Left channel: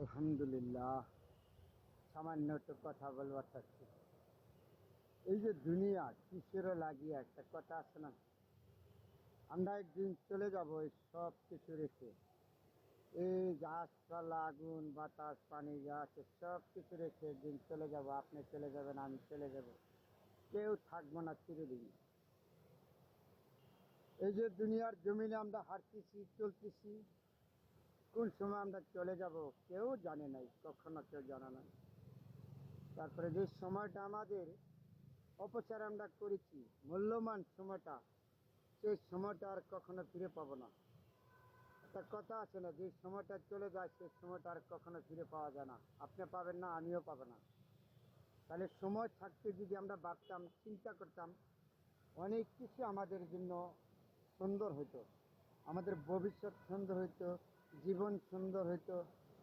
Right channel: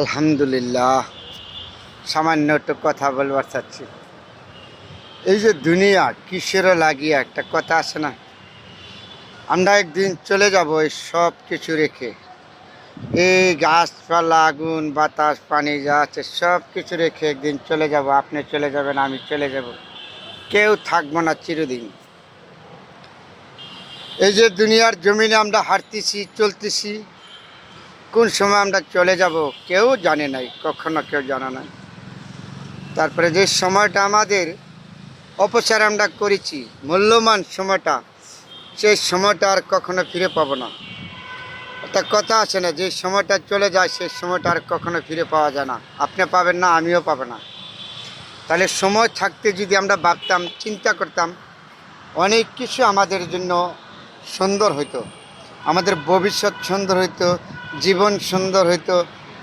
আলহামদুলিল্লাহ। সামান্য একটু কথা বলবার চাচ্ছি। এই যে দুনিয়া কিসেরও লাগিয়ে একটা কথা আছে না, আমরা একদিন চলে যাব এই সব কিছু রেখে। এই গাছপালা, আগুন, বাতাস, পানি যা আছে সব কিছু রেখে একদিন চলে যাব। আপনি চলে যাবেন, আমি চলে যাব, কেউ থাকবো না চিরদিন। এই যে দুনিয়ার জমিনে আমরা হাঁটতেছি, চলতেছি, কোন সময় আমরা চলে যাব কেউ জানে নাই, কখনো কেউ জানা নাই। তারপরে যে সময়টা আমাদের অপচার আমরা করেছি, মূল্যবান সময়টা, সেই সময়টা আর কখনো ফিরে পাবো না। একটা কথা আছে না, যে সময়টা চলে যায় সেই সময়টা আর কখনো ফিরে পাওয়া যায় না। আপনি পাবেন না, আমিও পাবো না। তাহলে সময় থাকতে যদি আমরা ভাবতাম, চিন্তা করতাম, অনেক কিছু আমাদের জন্য সুন্দর হইতো, আমাদের ভবিষ্যৎ সুন্দর হইতো, জীবন সুন্দর হইতো,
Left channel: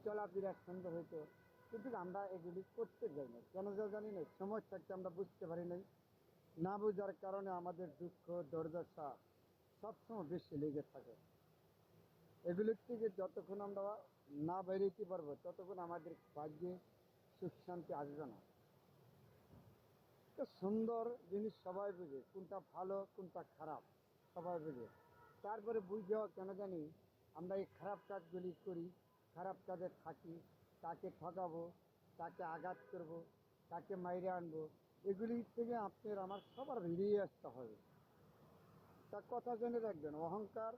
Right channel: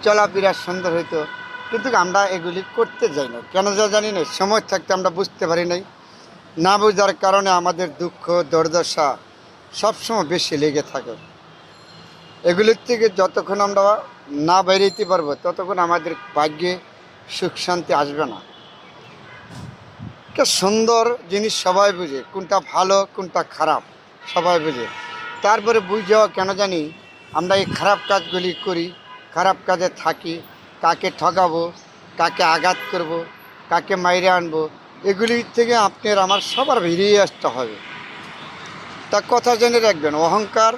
চলাফেরা সুন্দর হইতো। কিন্তু আমরা এগুলি করতে যাই না, কেন যা জানি না। সময় থাকতে আমরা বুঝতে পারি নাই, না বোঝার কারণে আমাদের দুঃখ দুর্দশা সবসময় বেশি লেগে থাকে। এগুলির থেকে যতক্ষণ আমরা না বেরোতে পারবো ততক্ষণ আমাদের ভাগ্যে সুখ শান্তি আসবে না। একটা সুন্দর জিনিস সবাই বুঝে, কোনটা ভালো কোনটা খারাপ সবাই বুঝে। তারপরে বুঝেও কেন জানি আমরা এই খারাপ কাজগুলি করি, খারাপ কাজে থাকি, কাকে ঠকাবো, কাকে আঘাত করব, কাকে মাইরে আনবো, এগুলির থেকে আপনার আমার সবার বেরিয়ে আসতে হবে। তা কথা জেনে রাখবেন, অহংকার,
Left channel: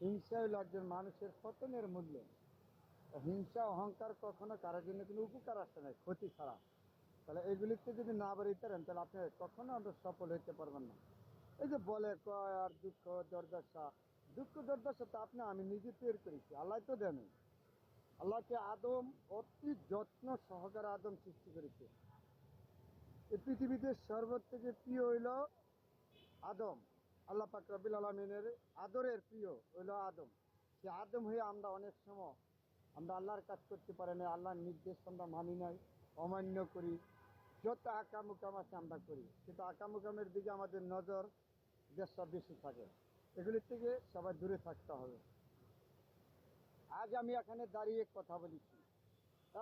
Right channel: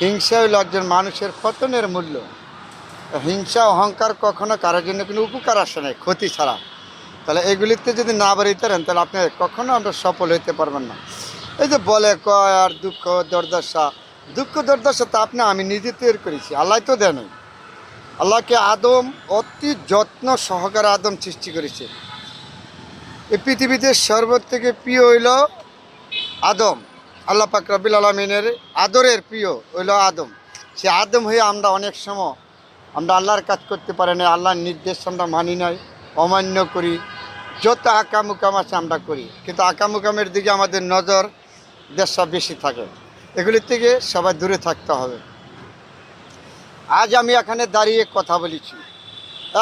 হিংসা হইল একজন মানুষের পতনের মূল্য। হিংসা অহংকার কখনো কারোর জন্য কোনো উপকার আসে নাই, ক্ষতি ছাড়া। তাহলে এগুলিতে যদি না বেরোতে পারেন তাহলে আপনি কখনো আমরা সফল হইতে পারবেন না। এই যে বলে কয় আর দুঃখ দুর্দশা, দুঃখ দুর্দশা তা আমি নিজে তৈরি করেছি, আল্লাহ তো দেন। আল্লাহকে আদম অতি যত্ন সহকারে আদম সৃষ্টি করেছে। এই পৃথিবীতে সর্বর থেকে প্রিয় হইল আদম। আল্লাহ পাক রব্বুল আলামিনের আদরের প্রিয় হইল আদম। সে আদম হয়ে আমরা অনেক সময় আমরা আল্লাহর কাজ করতে পারি না, আল্লাহর নির্দেশ আমরা মানি নাই, অমান্য করি, যত আকামুকাম আছে আমরা করি। কিন্তু আকামুকামের দিকে আমাদের নজর দেশটা বেশি থাকে। এগুলির থেকে সবাই দূরে থাকতে হবে। আজ আমি এখানে দাঁড়িয়ে কথা বলেছি,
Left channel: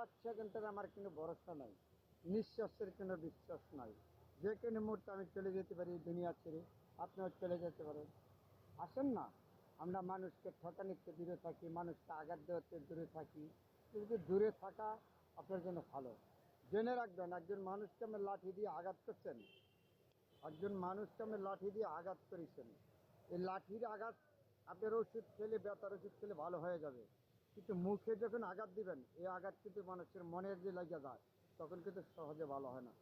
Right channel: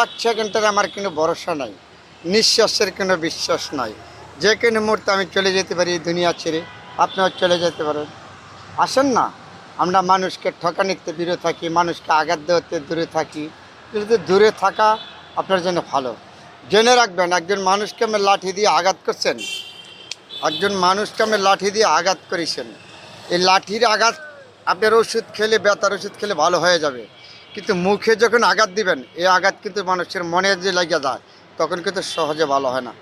এক সেকেন্ডের আমার কোনো ভরসা নাই, নিঃশ্বাসের কোনো বিশ্বাস নাই। যে কোনো মুহূর্তে আমি চলে যেতে পারি এই দুনিয়া ছেড়ে, আপনিও চলে যেতে পারেন। আসেন না, আমরা মানুষকে ঠকানিতে দূরে থাকি, মানুষকে আঘাত দেওয়াতে দূরে থাকি। কিন্তু দূরে থাকা আপনার জন্য ভালো। জেনে রাখবেন, একজন মানুষকে আমি লাঠি দিয়ে আঘাত করছেন, একজন মানুষকে আমি লাঠি দিয়ে আঘাত করেছেন, এই লাঠির আঘাত আপনার ওষুধ খেলে, ব্যথার ওষুধ খেলে ভালো হয়ে যাবে। কিন্তু মুখে যখন আঘাত দিবেন, এই আঘাত কিন্তু মানুষের মনে যে লেগে যায়, তখন কিন্তু সহজে ভালো হয় না।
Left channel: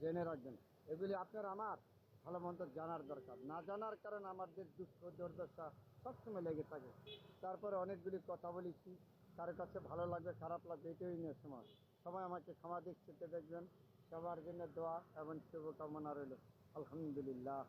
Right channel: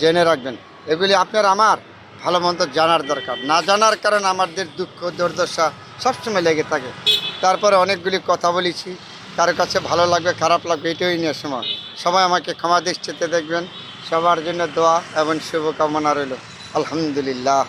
জেনে রাখবেন, এগুলি আপনার আমার ভালো মন্দ জানার দরকার। না জানার কারণে আমাদের দুঃখ দুর্দশা সবসময় লেগে থাকে। তারপরে অনেকগুলি কথা বলেছি, কারো কাছে ভালো লাগবে খারাপ লাগবে এটাই নিয়ে সময়। সবাই আমাকে ক্ষমা দৃষ্টিতে দেখবেন। সবার জন্য দোয়া এবং শুভকামনা রইল। আলহামদুলিল্লাহ।